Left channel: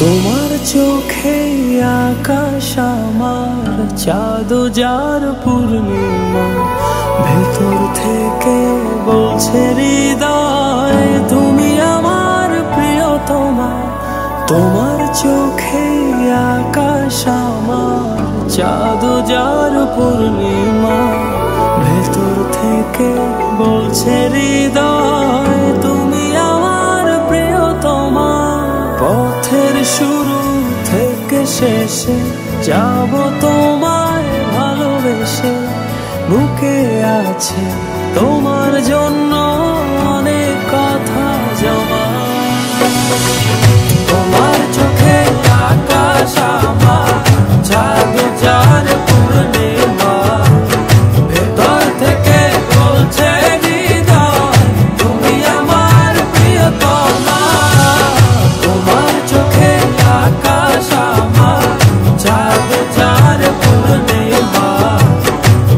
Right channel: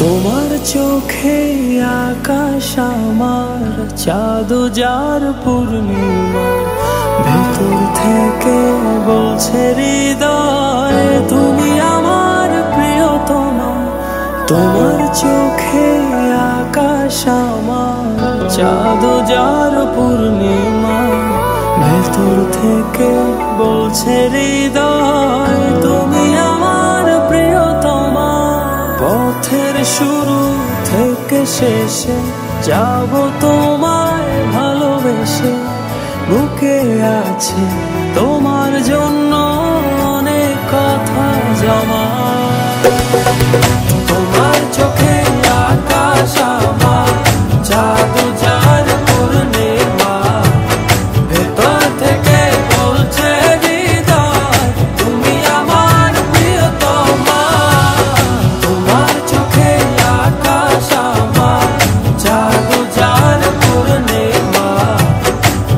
তোমার চোখে আকাশ আমার চাঁদ যার পূর্ণিমা, ভেতর থেকে বলছে হৃদয় তুমি আমার প্রিয়তমা। তোমার চোখে আকাশ আমার চাঁদ যার পূর্ণিমা, ভেতর থেকে বলছে হৃদয় তুমি আমার প্রিয়তমা। পথের শুরু থেকে শেষে যাব তোমায় ভালোবেসে, বুকে আছে তোমার জন্য অনেক কথা জমা। তোমার চোখে আকাশ আমার চাঁদ যার পূর্ণিমা, ভেতর থেকে বলছে হৃদয় তুমি আমার প্রিয়তমা। তোমার চোখে আকাশ আমার চাঁদ যার পূর্ণিমা,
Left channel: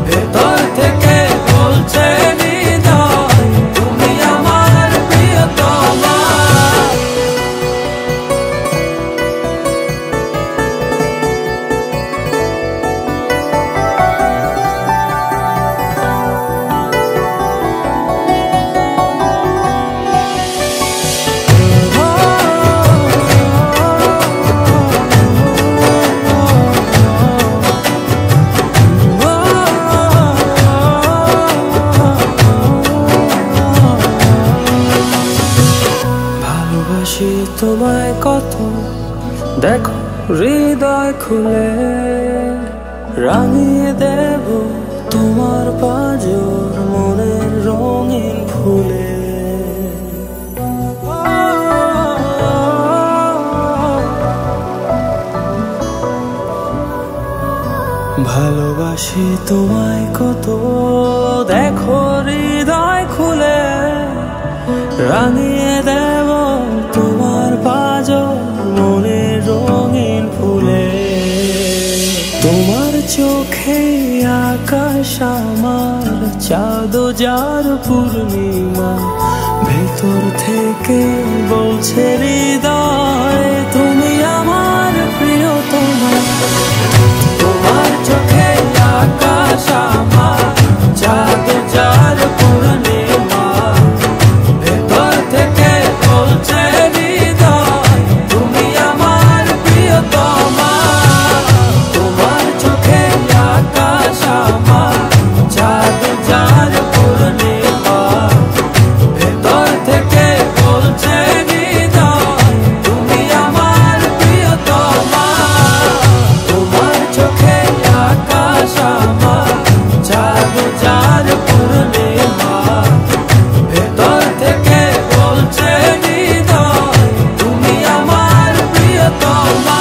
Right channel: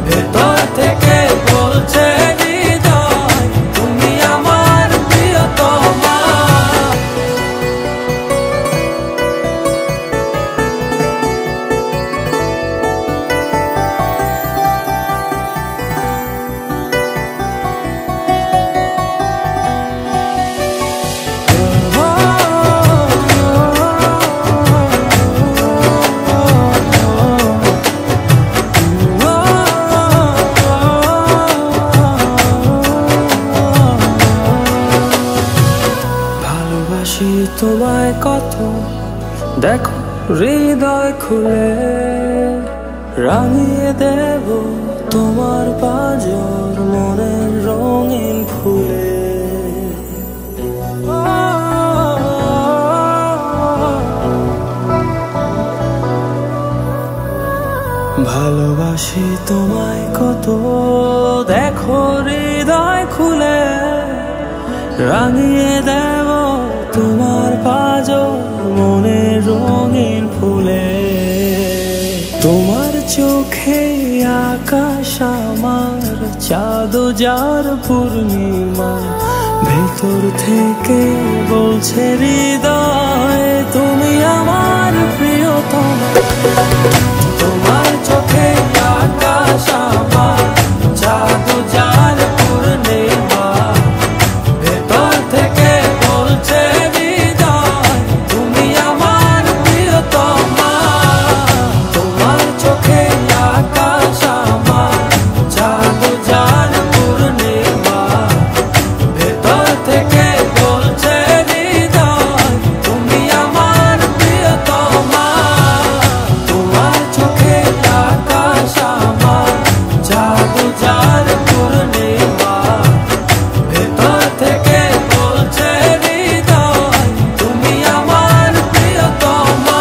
ভেতর থেকে বলছে হৃদয় তুমি আমার প্রিয়তমা। ভালোবাসি তোমায় কত, দেখো হৃদয় খুলে রাঙিয়ে দেব তোমার পাঁজর মনের রঙিন ফুলে। ভালোবাসি তোমায় কত, দেখো হৃদয় খুলে রাঙিয়ে দেব তোমার পাঁজর মনের রঙিন ফুলে। তোমার চোখে আকাশ আমার চাঁদ যার পূর্ণিমা, ভেতর থেকে বলছে হৃদয় তুমি আমার প্রিয়তমা। তোমার চোখে আকাশ আমার চাঁদ যার পূর্ণিমা, ভেতর থেকে বলছে হৃদয় তুমি আমার প্রিয়তমা। তোমার চোখে আকাশ আমার চাঁদ যার পূর্ণিমা, ভেতর থেকে বলছে হৃদয় তুমি আমার প্রিয়তমা। তোমার চোখে আকাশ আমার চাঁদ যার পূর্ণিমা, ভেতর থেকে বলছে হৃদয় তুমি আমার প্রিয়তমা।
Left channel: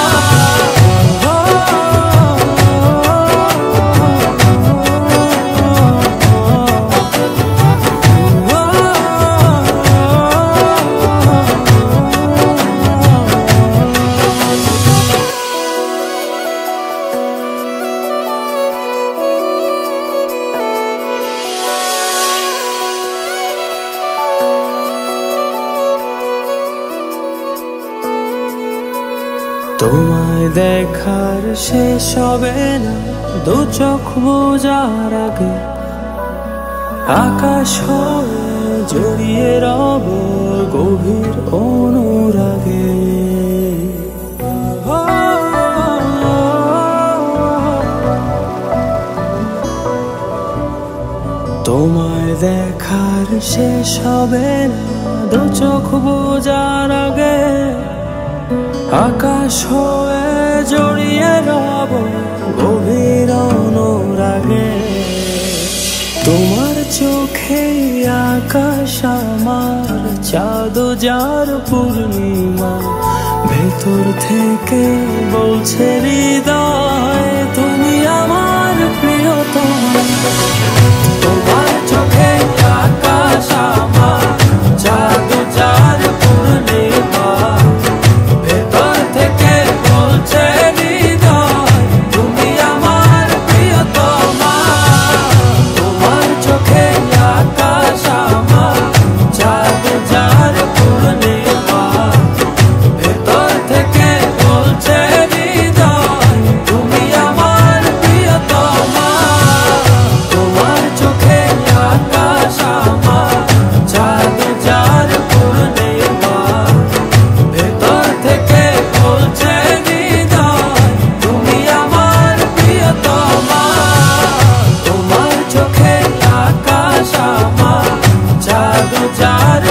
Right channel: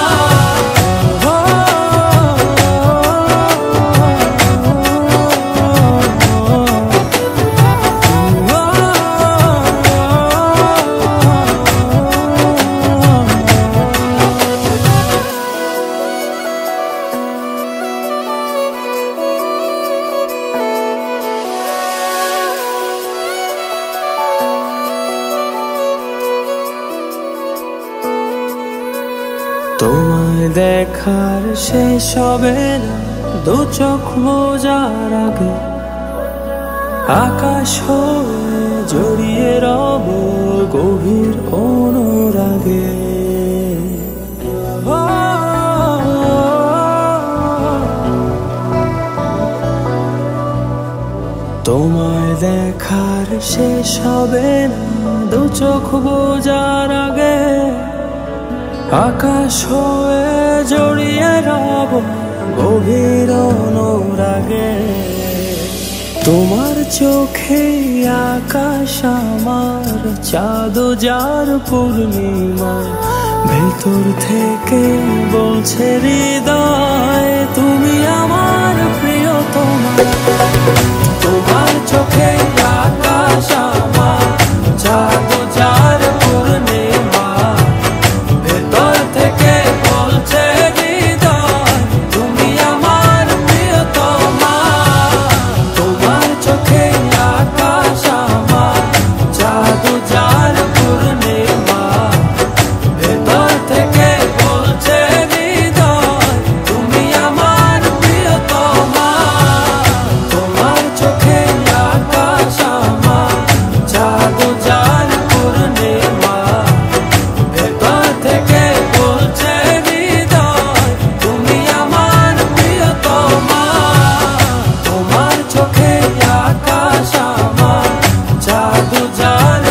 তোমায় দেখার শেষ হবে না দু চোখ বোঝার আগে, আকাশ হয়ে জড়িয়ে রব গভীর অনুরাগে। তোমায় দেখার শেষ হবে না দু চোখ বোঝার আগে, আকাশ হয়ে জড়িয়ে রব গভীর অনুরাগে। তোমার চোখে আকাশ আমার চাঁদ যার পূর্ণিমা, ভেতর থেকে বলছে হৃদয় তুমি আমার প্রিয়তমা। তোমার চোখে আকাশ আমার, চাঁদ যার পূর্ণিমা। ভেতর থেকে বলছে হৃদয় তুমি আমার প্রিয়তমা। তোমার চোখে আকাশ আমার, চাঁদ যার পূর্ণিমা। ভেতর থেকে বলছে হৃদয় তুমি আমার প্রিয়তমা। তোমার চোখে আকাশ আমার, চাঁদ যার পূর্ণিমা। ভেতর থেকে বলছে হৃদয় তুমি আমার প্রিয়তমা। তোমার চোখে আকাশ আমার, চাঁদ যার